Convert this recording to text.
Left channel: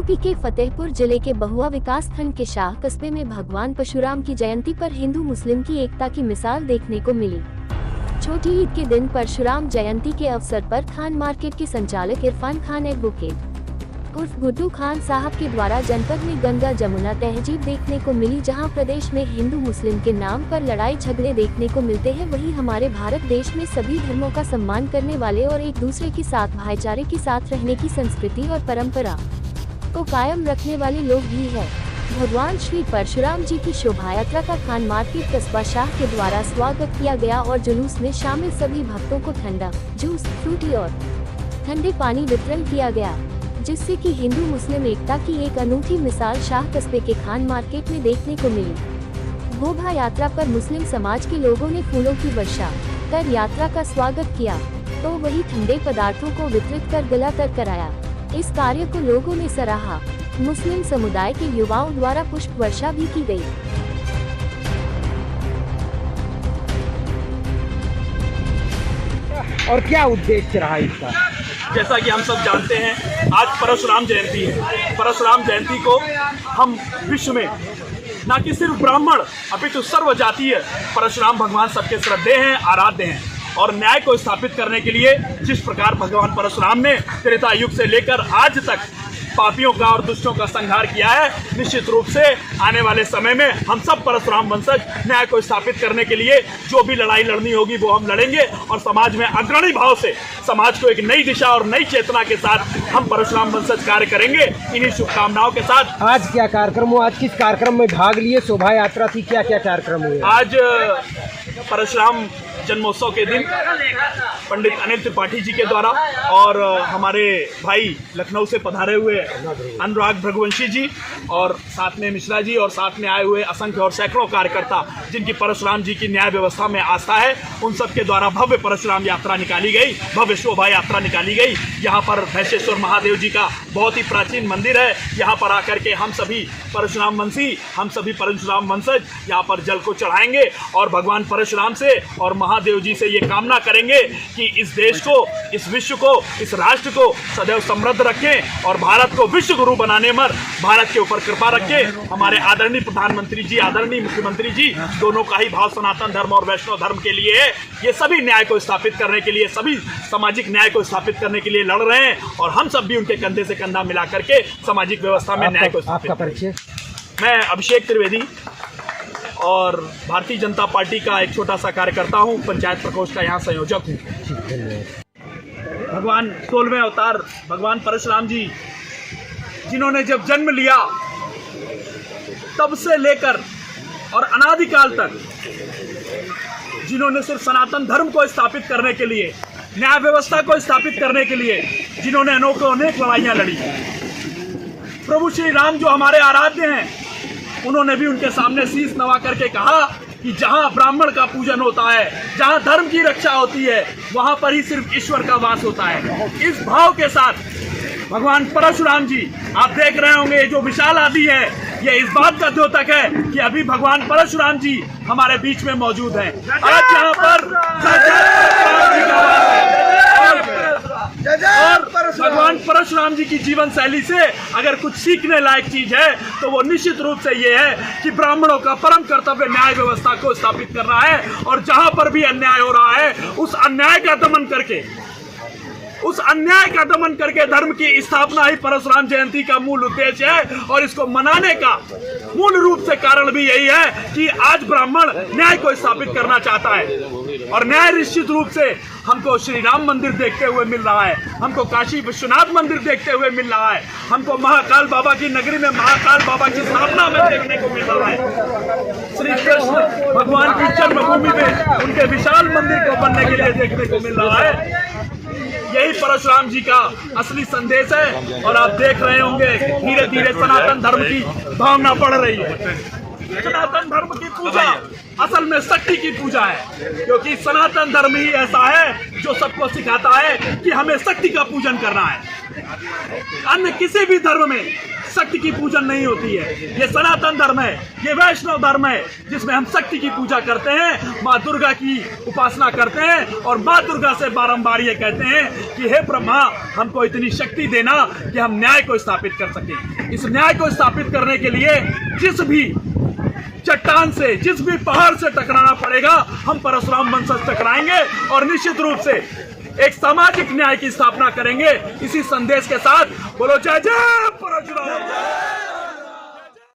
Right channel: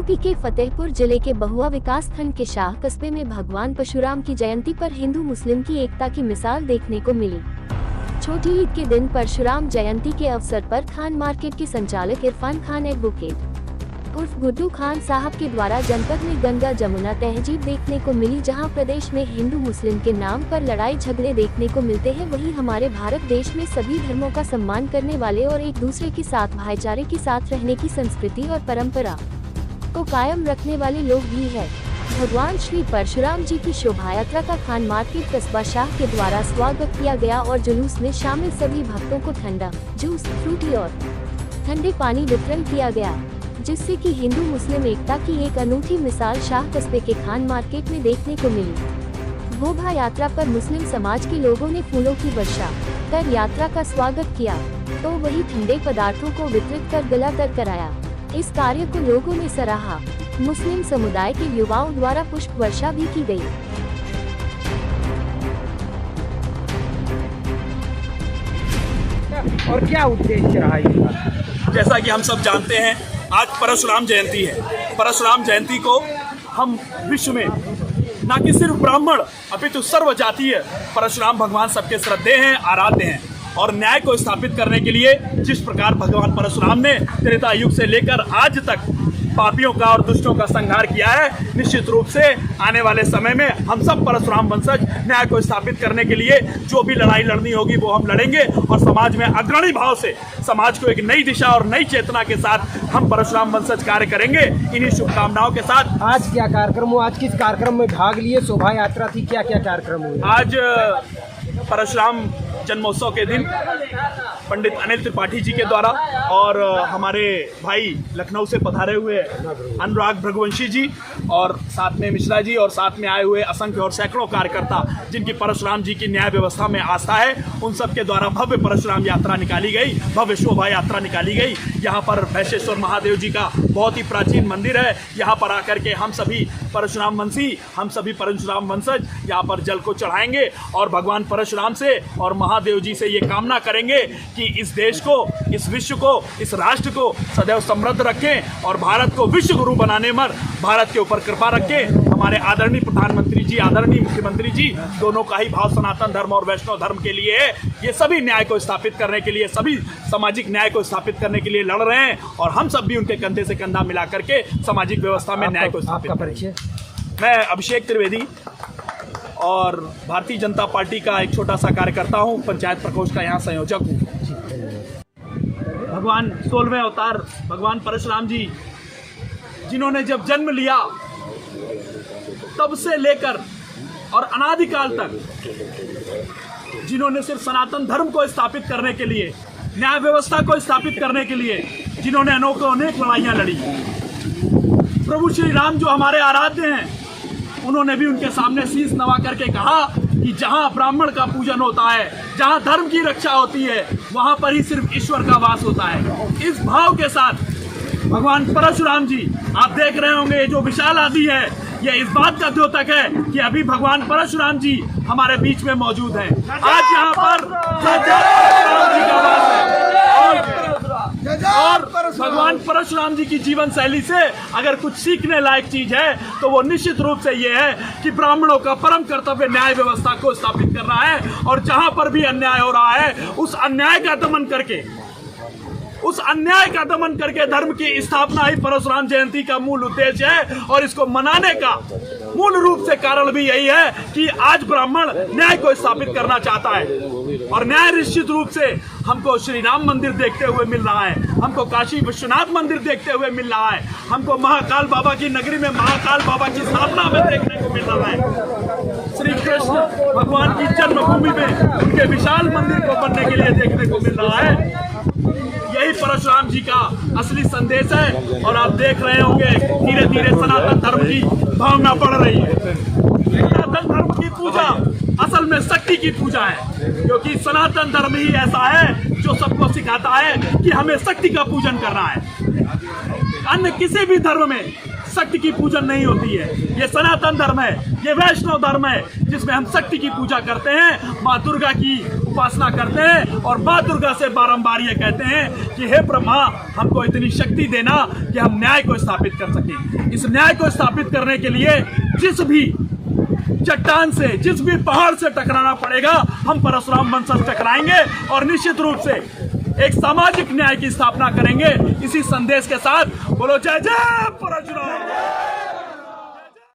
UP के फतेहपुर जिले के बहुआ विकास खंड के शाह कस्बे में भगवान परशुराम की जयंती पर हिंदू मुस्लिम की एकता की मिसाल देखने को मिली। छोटी ईद के दिन परशुराम जयंती के अवसर पर खान मार्केट के संचालक इरफान खान एडवोकेट उर्फ गुड्डू खान साहब के द्वारा जनपद में गंगा जमुना तहजीब देखने को मिली, जहां प्रदेश में हिंदू मुस्लिम के नाम पर लड़ाई झगड़े देखने को मिलते हैं, वहीं हमारे भारत देश में सभी धर्मों का सम्मान करने वाले और एक दूसरे के साथ भाईचारे के साथ रहने की संस्कृति और परंपरा को कायम रखने वाले लोग भी है। भगवान श्री परशुराम जी की शोभा यात्रा का खान मार्केट कस्बा शाह के द्वारा स्वागत किया गया और जुलूस में शामिल सभी भक्तों को ठंडा जूस, फ्रूटी और ठंडे पानी वितरण किया गया, जिससे कि हिंदू मुस्लिम एकता की एक अनूठी मिसाल शाह कस्बे के खान मार्केट में देखने को मिली। शोभा यात्रा पर मुस्लिम समाज के लोगों ने फूलों की वर्षा कर यात्रा का स्वागत किया, तो वही ठंडे पदार्थों को वितरित कर गला तर कराया। इस कार्य को लोगों ने सराहा। मुस्लिम समुदाय के युवाओं द्वारा पुष्प वर्षा भी की गई। और क्या उद्देश्य रहा इसका? जैसा कि हम सब जानते हैं, आज परशुराम जयंती है। परशुराम जयंती को हम विश्व में न कि सिर्फ ब्राह्मण अपितु सर्व जातीय परशुराम भगवान सबके श्रद्धेय हैं, आराध्य हैं। और न्याय को स्थापित करने के लिए जिस प्रकार भगवान परशुराम ने त्रेता युग से लेकर आज तक पापियों का और दुष्टों का संहार किया है, निश्चित रूप से आने वाले समय में हम सब परशुराम वंशज न्याय को स्थापित करने के लिए जो भी लड़ाई लड़नी होगी वो हम लड़ेंगे और समाज में अग्रणी भाव से समाज को एक नई दिशा और नई चेतना के साथ हम परशुराम वंशज कार्य करेंगे। इन्हीं शुभकामनाओं के साथ आज क्या कार्यक्रम हुआ? आज किस कार्यक्रम में भाग लिए? शोभा यात्रा थी, क्या क्या कार्यक्रम हुए? आज परशुराम जन्मोत्सव के दिन पंडित अनिल त्रिपाठी जी के द्वारा और हमारे भाई लखनऊ से पधारे हुए अनुराग भृगवंशी जी और साथ में मिश्रा जी और साथ में आए हुए असंख्य और सैकड़ों कार्यकर्ता जिनकी परशुराम जी की न्याय व्यवस्था में आस्था है, उन सब के द्वारा भव्य परशुराम यात्रा निकाली गई, भव्य शोभा यात्रा निकाली गई। यहाँ पर भैंसेश्वर महादेव जी का बहुत ही प्राचीन मंदिर है। यहाँ पर आकर के हम सभी परशुराम वंशी, हम सभी परशुराम वंशज यहाँ पर जल को चढ़ाएंगे और भगवान परशुराम से और महादेव जी से ये कामना करेंगे कि इस देश को, इस विश्व को, इस राष्ट्र को सदैव समृद्ध रखें और भारत को विश्व गुरु बनाने में भारत के ऊपर कृपा रखें। हमारे आदरणीय प्रधानमंत्री जी, आदरणीय मुख्यमंत्री जी, दोनों का ही भाव सनातन धर्म और वैष्णव धर्म के लिए है। ये सभी न्याय को स्थापित करने के लिए, सभी सामाजिक न्याय को स्थापित करने के लिए लड़ रहे हैं और हम सब भी उनके कंधे से कंधा मिला करके सामाजिक व्यवस्था में न्याय को स्थापित करें। मैं अभिषेक त्रिवेदी और भारतीय जनता पार्टी का एक छोटा सा कार्यकर्ता हूँ, पंचायत प्रकोष्ठ का यहाँ संयोजक हूँ। भगवान 16वें अवतार भगवान परशुराम जी, जिन्होंने जब जन्म लिया तब से लेकर और अनादिकाल तक जिन्होंने सिर्फ सनातन धर्म को स्थापित करने के लिए, न्याय व्यवस्था को स्थापित करने के लिए जिन्होंने अनेक लड़ाइयाँ लड़ी। प्रभु श्री राम जो हमारे आराध्य हैं, उन्होंने भी उनके सामने शीश नवा करके कहा कि जहां ब्राह्मण का पूजन होता है, जहां धर्म की रक्षा होती है, वहां पर ही सिर्फ ईश्वर का वास होता है। इस भाव के साथ भगवान परशुराम जी, आप देख रहे होंगे जो विशाल आदि है, ये इस बात का द्योतक है कि अभी भगवान परशुराम जी हमारे बीच में मौजूद हैं। आज यहाँ पर और भगवान परशुराम जी की जीवन शैली से अगर कुछ सीखने लायक चीज है तो वो निश्चित रूप से ये है कि ब्राह्मणों का परम कर्तव्य न्याय व्यवस्था को स्थापित करना है और जहां पर भी अन्याय हो रहा है उस अन्याय का दमन करके धर्म की स्थापना ही परशुराम जयंती का मूल उद्देश्य है। और इसको मनाने का मूल रूप से कारण भी यही है कि आज ब्राह्मण न्याय को स्थापित करना चाहता है और न्याय निश्चित रूप से हमको श्री राम मंदिर देखते हुए मिल रहा है, हमको काशी विश्वनाथ मंदिर देखते हुए मिल रहा है, हमको महाकाल बाबा की नगरी में महाकाल बाबा की स्थापना में देखने को मिल रहा है। श्री कृष्ण भगवान की जन्मभूमि में उनके विशाल मंदिर को बनने के लिए देखने को मिल रहा है। यही परशुराम जी का असली संदेश है और आप देख रहे होंगे धीरे धीरे सनातन धर्म की भावना बढ़ रही है। सनातन धर्म की पूजा असल में शक्ति की पूजा है, क्योंकि सनातन धर्म ही ऐसा है जो सबको सिखाता है कि हमें शक्ति का पूजन करना है। अन्य किसी भी धर्म में शक्ति की पूजन नहीं होती है। ये सनातन धर्म है, ये वैष्णव धर्म है, जिसमें हम शक्ति की पूजा करते हैं, माँ दुर्गा की उपासना करते हैं और माँ दुर्गा से बारंबार ये कहते हैं कि हे ब्रह्मा, हमको इतनी शक्ति देना कि हम न्याय को स्थापित कर सकें। इस न्याय को स्थापित करने के लिए जिस भी चट्टान से, जिस भी पहाड़ से टकराना पड़ेगा, हम परशुराम वंशज टकराएंगे और निश्चित रूप से एक सामाजिक न्याय की स्थापना करेंगे। इसी संदेश के साथ बोलो जय जय परशुराम।